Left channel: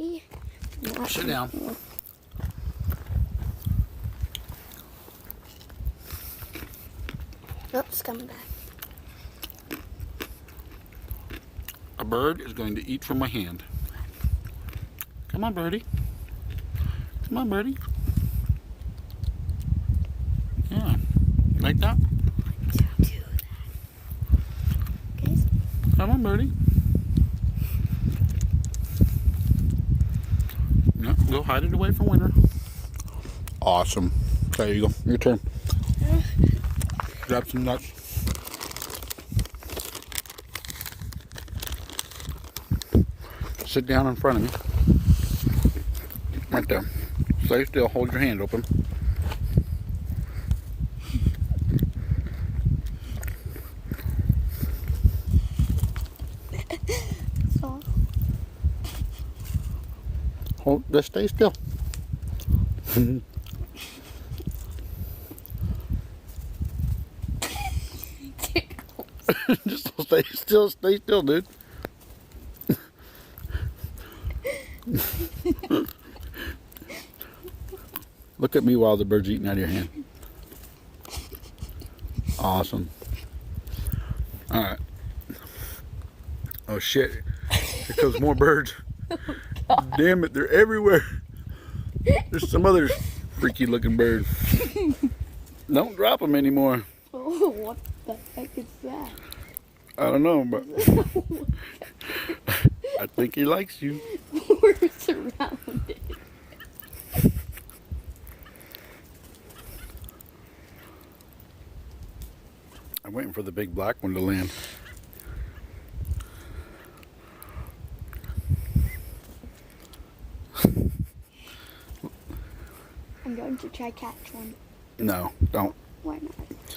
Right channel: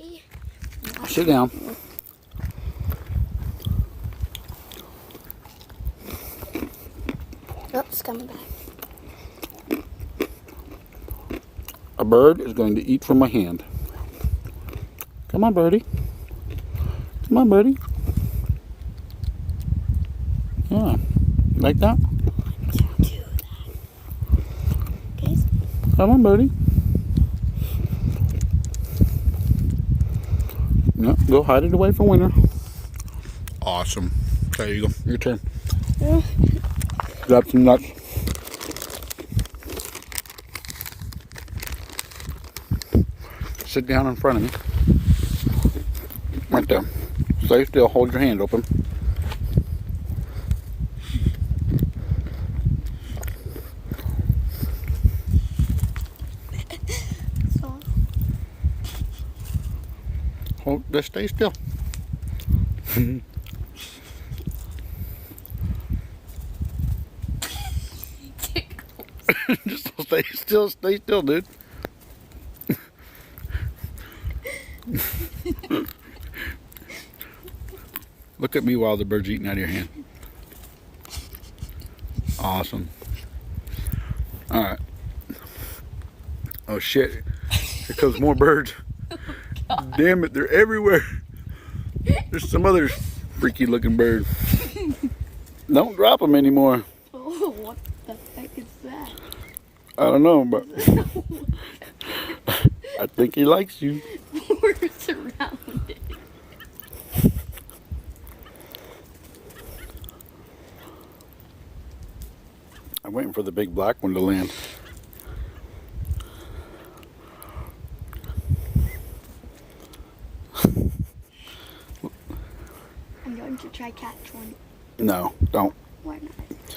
Maybe. Sit down. Oh, it's coming back. A bird is going to eat from my hand. Come on, birdie. Come on, birdie. Yeah, like that? Okay. Come on, birdie. No, go hide it away for winter. Awesome. There you go. Your turn. Grab some nuts. Sit down in front of me. Right there. Stay still. Hold your hand open. So. Hold. Just stay still. Just stay still. Stay still, dude. Look at me while the bird's eating out of your hand. Awesome. Alright. Oh shit. Here comes more birds. Damn it, they're everywhere. There's some other freaky looking bird. Don't drop them anymore. Oh, what the heck is that? I don't know, but I think he likes you. We're surrounded. I'm waiting for the big black one to land. I'm going to try catch one. No, don't. Why not?